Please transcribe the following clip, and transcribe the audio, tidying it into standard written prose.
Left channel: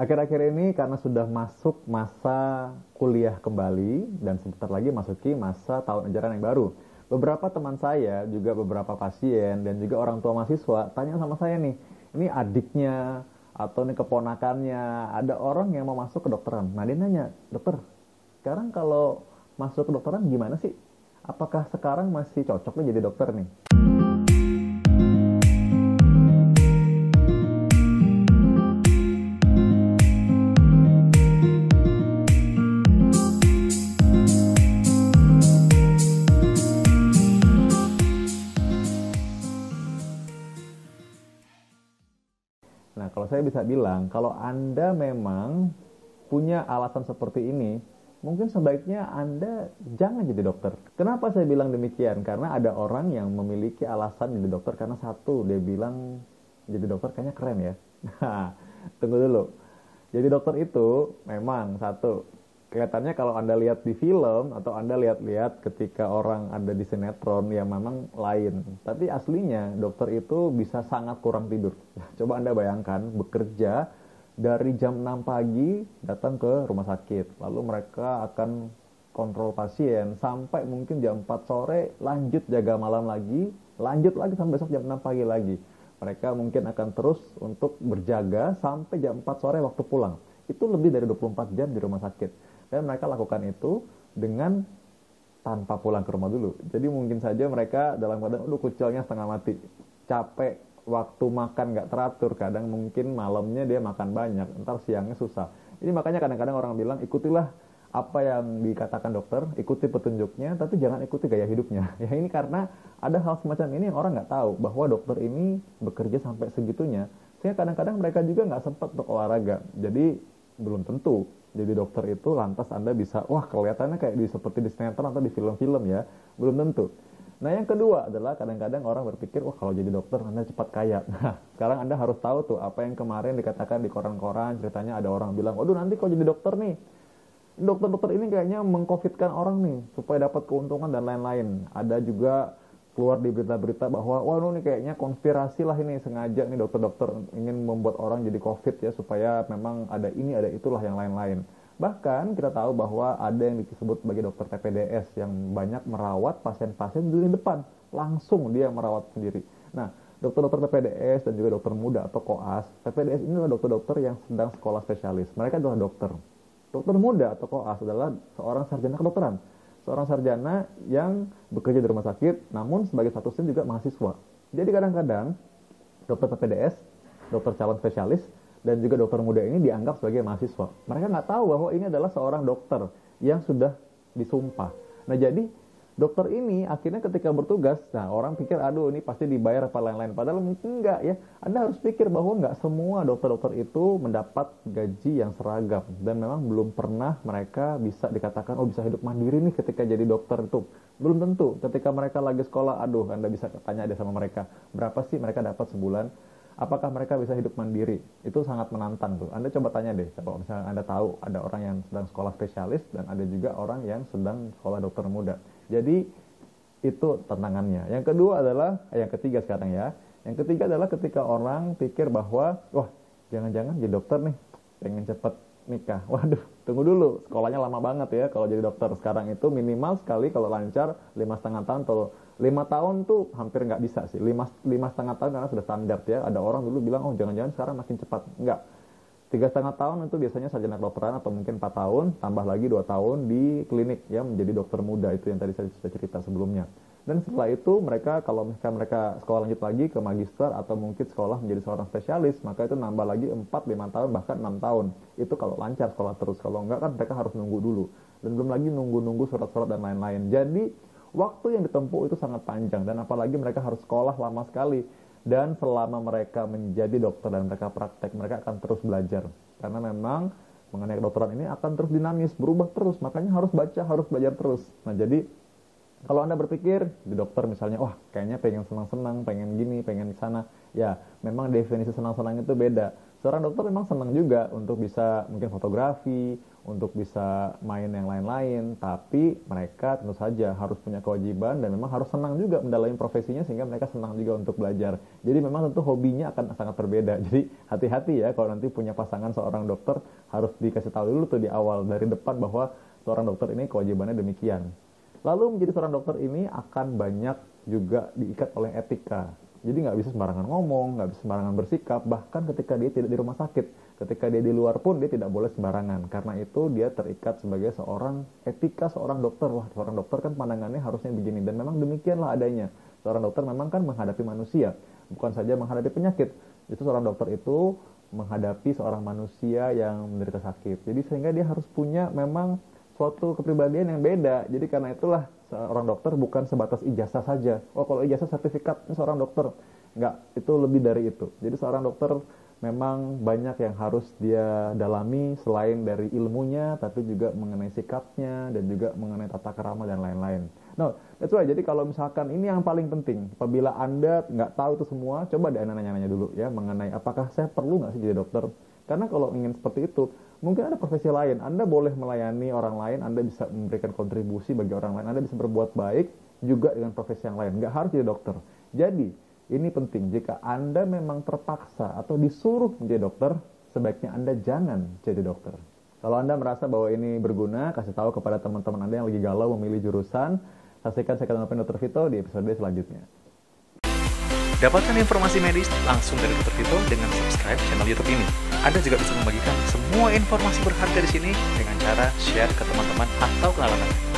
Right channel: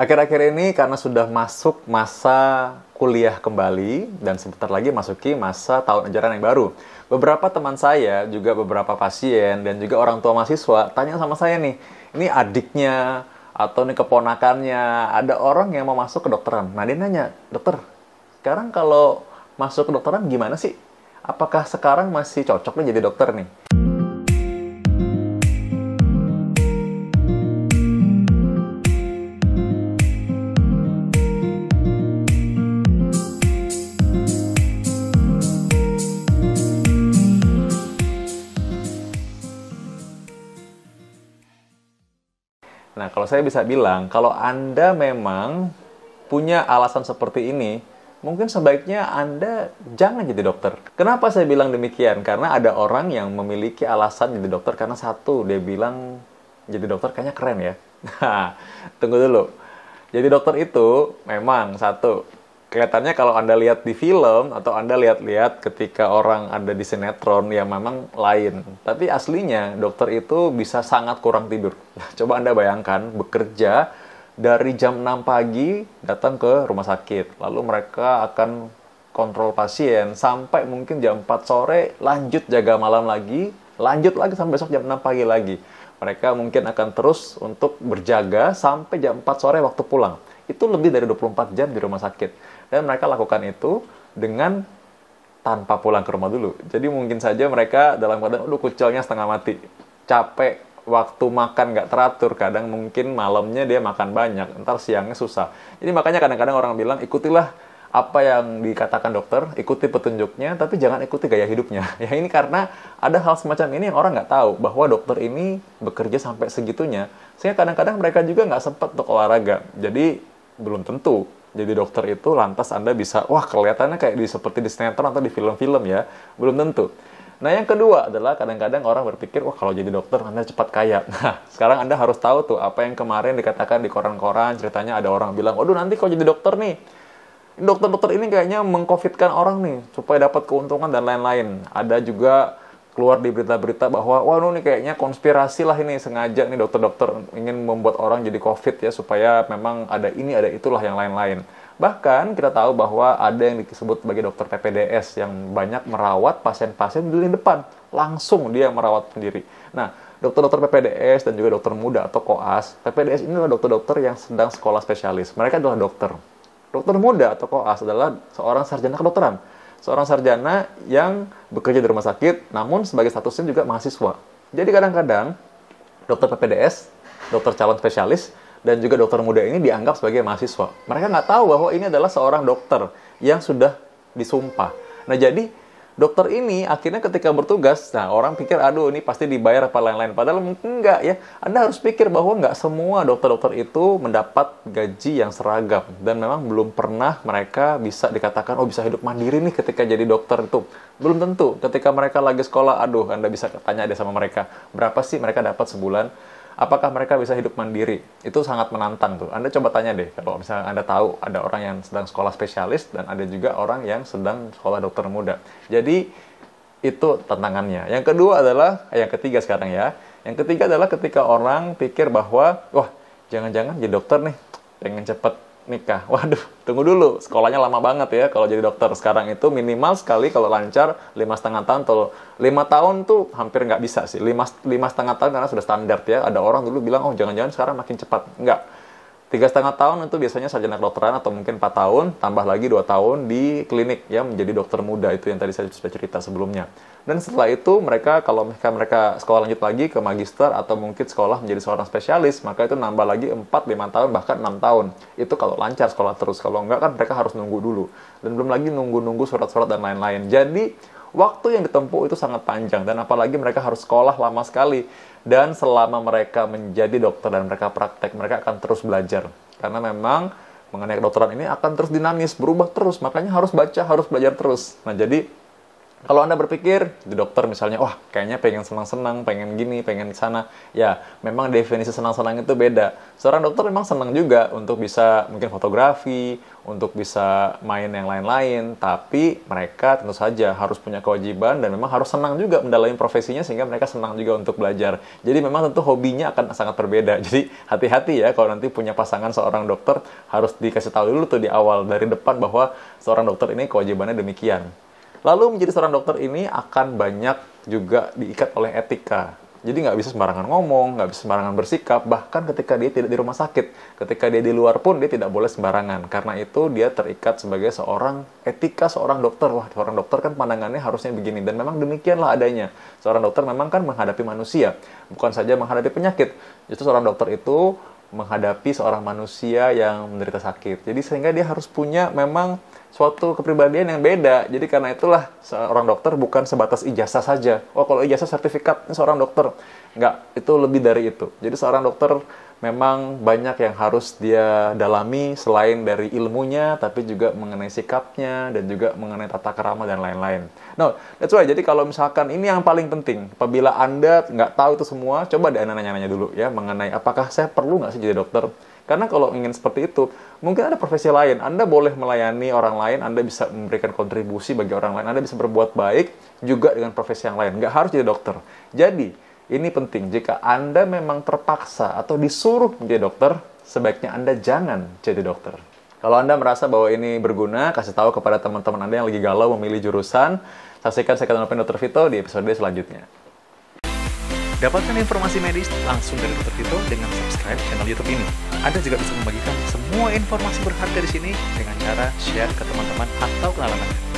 Akhir-akhir ini karena sudah masuk masa kuliah kembali dan sebentar lagi masuki masa tahun ajaran yang baru. Beberapa teman saya, juga beberapa pasien dan juga orang tua mahasiswa tanya sama saya nih, ini adiknya atau nih keponakannya, ada orang yang mau masuk ke dokteran. Nah dia nanya, dokter, sekarang kalau masuk ke dokteran gimana sih? Apakah sekarang masih cocok nih jadi dokter nih? Nah, kalau saya bisa bilang, kalau Anda memang punya alasan seperti ini, mungkin sebaiknya Anda jangan jadi dokter. Kenapa saya bilang demikian? Karena ada orang yang memiliki alasan jadi dokter karena satu, dia bilang jadi dokter kayaknya keren ya. Nah, tunggu dulu. Jadi dokter itu memang satu, kelihatannya kalau Anda lihat di film atau Anda lihat-lihat ketika orang ada di sinetron ya memang lain. Tapi aslinya dokter itu bisa sangat kurang tidur. Coba Anda bayangkan bekerja dari jam 6 pagi datang ke rumah sakit. Lalu mereka akan kontrol pasien sampai mungkin jam 4 sore, lanjut jaga malam lagi, lanjut lagi sampai besok jam 6 pagi lagi. Mereka mungkin akan terus untuk berjaga sampai jam 4 sore waktu pulang. Itu lebih dari 24 jam di rumah sakit. Dan mereka lakukan itu dengan tanpa pulang ke rumah dulu. Jadi mungkin saja mereka dalam keadaan, kucilnya setengah mati. Capek, waktu makan nggak teratur. Kadang mungkin malamnya dia makan banyak, ntar siangnya susah. Jadi makanya kadang-kadang orang bilang, ikutilah apa yang dikatakan dokter, ikuti petunjuknya, tapi jangan ikuti gaya hidupnya. Ya ini karena ada hal semacam ini yang orang nggak tahu, bahwa dokter ini bekerja sampai segitunya, sehingga kadang-kadang mereka juga nggak sempat untuk olahraga. Jadi belum tentu jadi dokter itu lantas Anda bisa, wah kelihatannya kayak seperti di sinetron atau di film-film ya, belum tentu. Nah yang kedua adalah kadang-kadang orang berpikir, wah kalau jadi dokter Anda cepat kaya. Nah sekarang Anda harus tahu tuh apa yang kemarin dikatakan di koran-koran, ceritanya ada orang bilang, waduh nanti kalau jadi dokter nih, dokter-dokter ini kayaknya mengcovidkan orang nih supaya dapat keuntungan dan lain-lain. Ada juga keluar di berita-berita bahwa wah nih kayaknya konspirasi lah ini, sengaja nih dokter-dokter ingin membuat orang jadi covid ya supaya memang ada ini ada itulah yang lain-lain. Bahkan kita tahu bahwa ada yang disebut sebagai dokter PPDS yang banyak merawat pasien-pasien di lini depan, langsung dia merawat sendiri. Nah, dokter-dokter PPDS dan juga dokter muda atau koas, PPDS ini adalah dokter-dokter yang sedang sekolah spesialis. Mereka adalah dokter. Dokter muda atau koas adalah seorang sarjana kedokteran. Seorang sarjana yang bekerja di rumah sakit, namun sebagai statusnya juga mahasiswa. Jadi kadang-kadang dokter PPDS, dokter calon spesialis, dan juga dokter muda ini dianggap sebagai mahasiswa. Mereka nggak tahu bahwa ini adalah seorang dokter yang sudah disumpah. Nah jadi dokter ini akhirnya ketika bertugas, nah orang pikir aduh ini pasti dibayar apa lain-lain. Padahal mungkin enggak ya. Anda harus pikir bahwa nggak semua dokter-dokter itu mendapat gaji yang seragam. Dan memang belum pernah mereka bisa dikatakan, oh bisa hidup mandiri nih ketika jadi dokter itu. Belum tentu. Ketika mereka lagi sekolah, aduh Anda bisa tanya deh sama mereka. Berapa sih mereka dapat sebulan? Apakah mereka bisa hidup mandiri? Itu sangat menantang tuh. Anda coba tanya deh, kalau misalnya Anda tahu ada orang yang sedang sekolah spesialis dan ada juga orang yang sedang sekolah dokter muda. Jadi itu tantangannya. Yang kedua adalah, yang ketiga sekarang ya. Yang ketiga adalah ketika orang pikir bahwa, wah jangan-jangan jadi dokter nih, pengen cepet nikah. Waduh, tunggu dulu. Sekolahnya lama banget ya kalau jadi dokter. Sekarang itu minimal sekali kalau lancar 5,5 tahun. Atau 5 tahun tuh hampir nggak bisa sih. 5,5 tahun karena sudah standar ya. Ada orang dulu bilang, oh jangan-jangan sekarang makin cepat. Enggak. 3,5 tahun itu biasanya sarjana kedokteran atau mungkin 4 tahun. Tambah lagi 2 tahun di klinik ya menjadi dokter muda. Itu yang tadi saya sudah cerita sebelumnya. Dan setelah itu mereka kalau mereka sekolah lanjut lagi ke magister atau mungkin sekolah menjadi seorang spesialis, maka itu nambah lagi 4, 5 tahun bahkan 6 tahun. Itu kalau lancar sekolah terus. Kalau enggak kan mereka harus nunggu dulu. Dan belum lagi nunggu surat-surat dan lain-lain. Jadi waktu yang ditempuh itu sangat panjang dan apalagi mereka harus sekolah lama sekali. Dan selama mereka menjadi dokter dan mereka praktek, mereka akan terus belajar. Karena memang mengenai kedokteran ini akan terus dinamis, berubah terus. Makanya harus baca, harus belajar terus. Nah jadi Kalau Anda berpikir di dokter misalnya, wah kayaknya pengen senang-senang, pengen gini, pengen sana, ya memang definisi senang-senang itu beda. Seorang dokter memang senang juga untuk bisa mungkin fotografi, untuk bisa main yang lain-lain, tapi mereka tentu saja harus punya kewajiban dan memang harus senang juga mendalami profesinya sehingga mereka senang juga untuk belajar. Jadi memang tentu hobinya akan sangat berbeda. Jadi hati-hati ya kalau nanti punya pasangan seorang dokter, harus dikasih tahu dulu tuh di awal dari depan bahwa seorang dokter ini kewajibannya demikian. Lalu menjadi seorang dokter ini akan banyak juga diikat oleh etika. Jadi nggak bisa sembarangan ngomong, nggak bisa sembarangan bersikap, bahkan ketika dia tidak di rumah sakit. Ketika dia di luar pun dia tidak boleh sembarangan. Karena itu dia terikat sebagai seorang etika seorang dokter. Wah, seorang dokter kan pandangannya harusnya begini. Dan memang demikianlah adanya. Seorang dokter memang kan menghadapi manusia, bukan saja menghadapi penyakit. Justru seorang dokter itu menghadapi seorang manusia yang menderita sakit. Jadi sehingga dia harus punya memang suatu kepribadian yang beda. Jadi karena itulah seorang dokter bukan sebatas ijazah saja. Oh, kalau ijazah sertifikat, ini seorang dokter. Enggak, itu lebih dari itu. Jadi seorang dokter memang banyak yang harus dia dalami selain dari ilmunya, tapi juga mengenai sikapnya dan juga mengenai tata krama dan lain-lain. No, that's why. Jadi kalau misalkan ini yang paling penting, apabila Anda nggak tahu itu semua, coba deh Anda nanya-nanya dulu ya mengenai apakah saya perlu nggak sih jadi dokter. Karena kalau ingin seperti itu, mungkin ada profesi lain. Anda boleh melayani orang lain, Anda bisa memberikan kontribusi bagi orang lain, Anda bisa berbuat baik juga dengan profesi yang lain. Nggak harus jadi dokter. Jadi, ini penting. Jika Anda memang terpaksa atau disuruh menjadi dokter, sebaiknya Anda jangan jadi dokter. Kalau Anda merasa bahwa ini berguna, kasih tahu kepada teman-teman Anda yang lagi galau memilih jurusan. Saksikan Second Opinion Dr. Vito di episode selanjutnya. Dapatkan informasi medis langsung dari Dr. Vito dengan subscribe channel YouTube ini. Anda juga bisa membagikan semua informasi berharga di sini dengan cara share ke teman-teman atau kenalan Anda.